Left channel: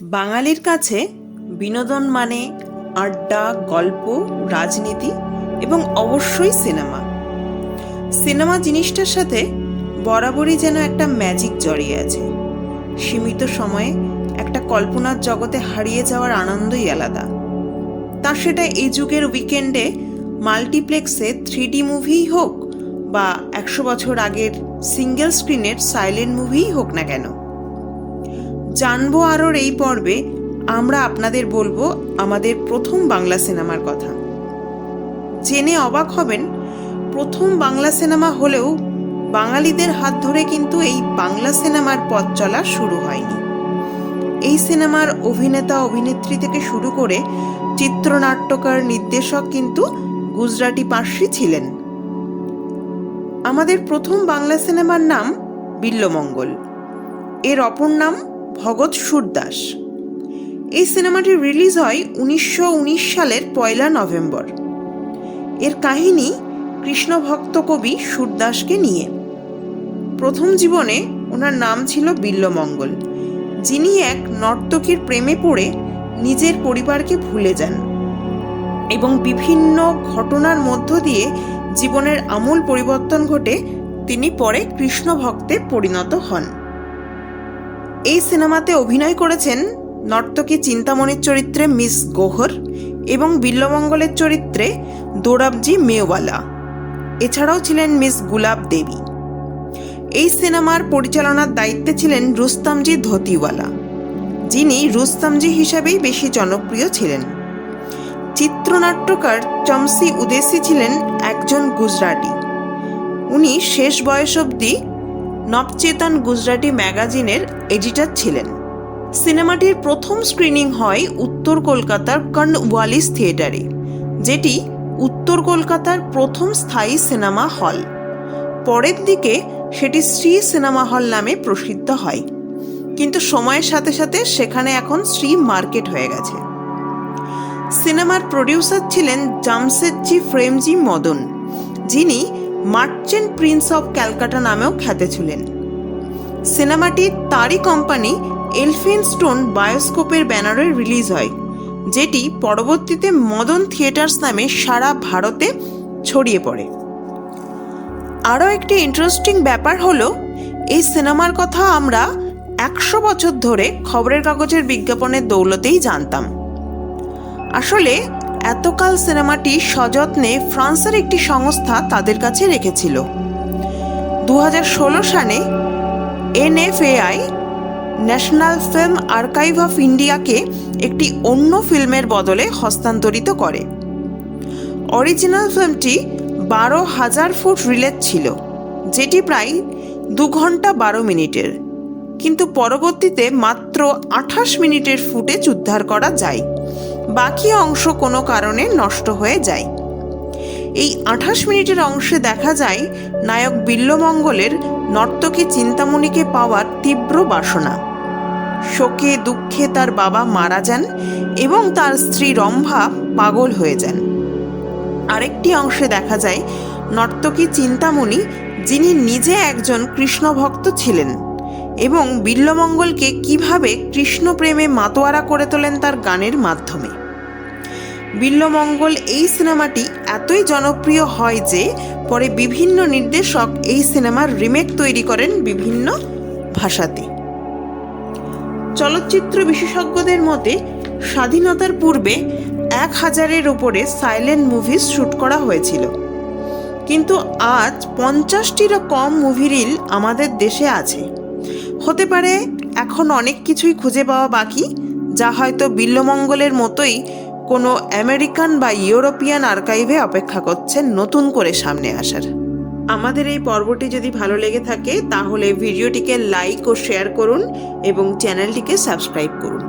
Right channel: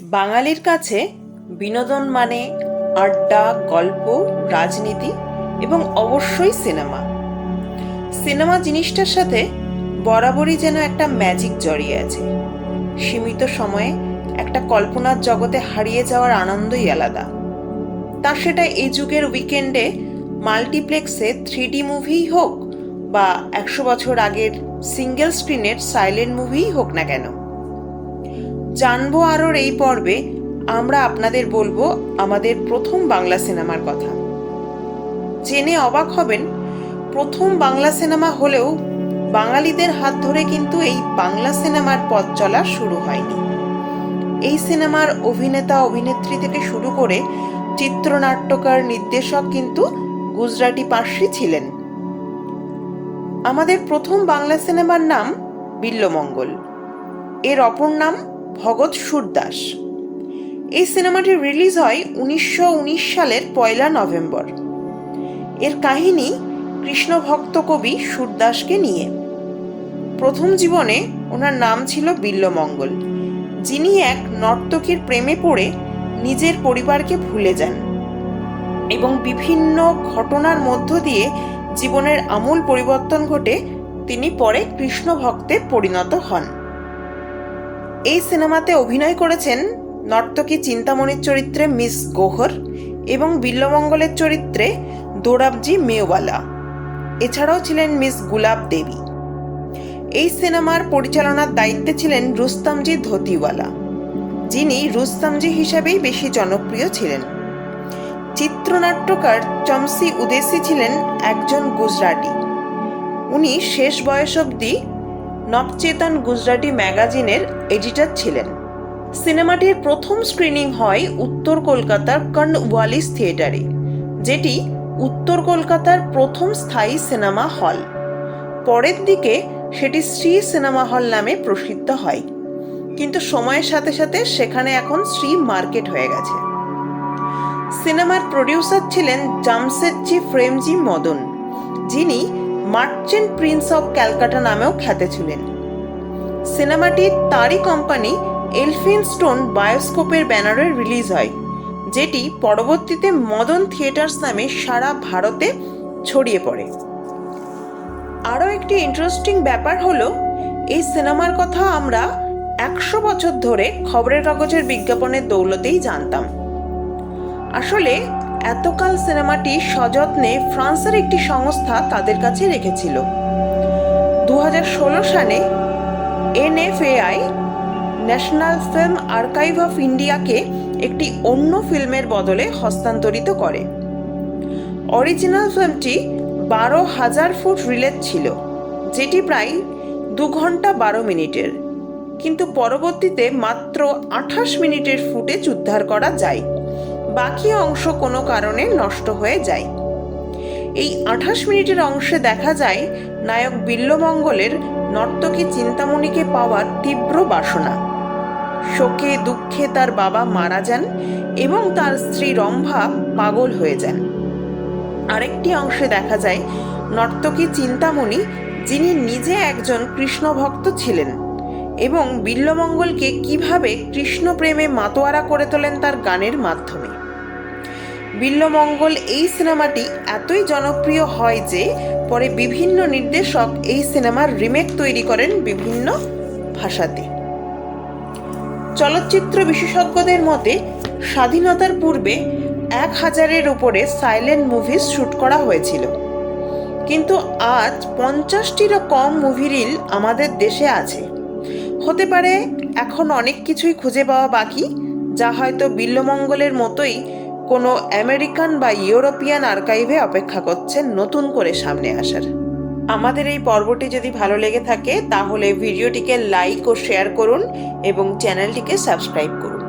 বাঙালির কাছে বিনোদন মানে আড্ডা, গল্প, রাজনীতি এবং অবশ্যই সিনেমা। সিনেমা জিনিসটার সাথে বরাবরই যেন একটা ম্যাজিক জড়িয়ে আছে। সীমিত সময়ে একটা কল্পনার জগতে হারিয়ে যাওয়ার আনন্দই আলাদা। তা সেটা এই যুগের উইকেন্ডে মাল্টিপ্লেক্সে 3D মুভিই হোক বা 100 বছর আগের সিঙ্গেল স্ক্রিনের সাইলেন্ট মুভিই হোক না কেন। জানবো আরোর এই পর্বে আমরা আপনাদের বলবো আমাদের প্রথম বাংলা সিনেমার কথা। জেনে অবাক হবেন, প্রথম বাংলা সিনেমা হলেও বাঙালিদের হাত ধরে কিন্তু এই বাংলা সিনেমার পথ চলা শুরু হয়নি। এই সিনেমার অভিনেতা অভিনেত্রী থেকে শুরু করে চিত্রনাট্যকার, নির্দেশক কিন্তু গুজরাটি পার্সি ছিলেন। আমাদের প্রথম বাংলা সিনেমার নাম বিল্বমঙ্গল, এর অপর নাম ভগৎ সুরদাস। এই সিনেমাটি রিলিজ হয় 1919 সালের 1 নভেম্বর। এর কাহিনী কৃষ্ণ ভক্ত কবি সুরদাসকে নিয়ে। প্রথম জীবনে ওনার নাম ছিল বিল্বমঙ্গল, যিনি এক নর্তকীর প্রেমে পড়ে নিজের পরিবারকে ভুলে যান এবং বিভিন্ন ঘটনার মধ্য দিয়ে জীবনের আমূল পরিবর্তন ঘটে তিনি পরে কৃষ্ণ ভক্তে পরিণত হন। এই সিনেমাতে অভিনয় করেছেন নর্তকী চিন্তামণির চরিত্রে মিস গৌহর এবং বিল্বমঙ্গলের চরিত্রে দোরাবজি মেওয়ালা। এছাড়াও ছিলেন মিস গুলাব দেবী। এই সিনেমার পরিচালনার দায়িত্বে ছিলেন রুস্তমজি ধোতিওয়ালা, যিনি রুস্তমজি হিসাবেই বেশি জনপ্রিয় ছিলেন। চিত্রনাট্যকার চমসি উদেসি ছিলেন একজন গুজরাটি। উনি শেষ বয়স অবধি নবচেতন গুজরাটি ম্যাগাজিনের এডিটর ছিলেন। সিনেমাটির প্রথম স্ক্রিনিং হয় উত্তর কলকাতার কর্নওয়ালিস থিয়েটারে, যেটি উত্তর কলকাতার প্রথম স্থায়ী সিনেমা হল। পরের দিকে সেটি শ্রী সিনেমা হল নামে প্রসিদ্ধ হয়, কিন্তু সময়ের সাথে সাথে সেখানে এখন শ্রী মার্কেট হয়ে গেছে। সিনেমার প্রডিউসার ছিলেন জামশেদজি প্রেমজি মদন, যিনি মার্চেন্ট প্রিন্স অফ ক্যালকাটা নামেও খ্যাত ছিলেন। সিনেমাটি তারই কোম্পানি এলফিনস্টোন বায়োস্কোপের ব্যানারে রিলিজ হয়, যেটি পরবর্তীতে মদন থিয়েটার্স নামে সারা ভারতে ছড়িয়ে পড়ে। আরও একটি ইন্টারেস্টিং ব্যাপার হলো, এই সিনেমার কথা আমরা 100 বছর ধরে খবরের কাগজের বিজ্ঞাপনের দৌলতেই জানতাম। আসলে এতকাল সিনেমাটি সযত্নে ফ্রান্সের একটি সংস্থা তাদের কাছে রেখেছিল। 2016 সালে NFAI national film archive of ইন্ডিয়াকে একটি অন্য ফিল্মের বদলে হস্তান্তরিত করে। অরিজিনাল ফিল্মটি 12,000 ফুট রিলের ছিল, যেটি প্রায় 2 ঘন্টা 12 মিনিটের, কিন্তু পরবর্তীতে মাত্র 28 মিনিটের ফুটেজ উদ্ধার করা যায়। বাকি অংশ কোনো কারণে নষ্ট হয়ে যায়। এই 28 মিনিটের অংশে দেখা যায় নায়ক বিল্বমঙ্গলের নর্তকী চিন্তামণিকে পাওয়ার তীব্র বাসনা। শোকে দুঃখে তার বাবা মারা যান এবং তার স্ত্রী রম্ভা পাগল হয়ে যান। আরেকটি অংশে দেখা যায় নর্তকী চিন্তামণি, যিনি নিজে একজন কৃষ্ণ ভক্ত ছিলেন, এবং বিল্বমঙ্গলকে কিভাবে কৃষ্ণ প্রেমে মাতোয়ারা করে তোলেন তার গানের মাধ্যমে। বিল্বমঙ্গল এই সিনেমাটি এতই জনপ্রিয় হয় যে পরে বিভিন্ন নির্দেশক এই সিনেমার রিমেক তৈরি করেন বিভিন্ন ভাষাতে। চলচ্চিত্র বিশেষজ্ঞদের মতে স্বাধীনতার পূর্বে 1000-এর উপরে সাইলেন্ট মুভিজ শুট করা হয়েছিল, কিন্তু আজ 50-টিরও কম মুভি রিল আমাদের দেশে আছে। হতে পারে এখন অনেক কিছুই খুঁজে পাওয়া বাকি, যা হয়তো বিল্বমঙ্গলের মতোই কোনো আমেরিকান বা ইউরোপিয়ান আর্কাইভে অপেক্ষা করছে নতুন করে সামনে আসার। আমাদের এই পর্বটি যদি ভালো লেগে থাকে তাহলে ভিডিওটিকে লাইক ও শেয়ার করুন এবং চ্যানেলটিকে সাবস্ক্রাইব করুন।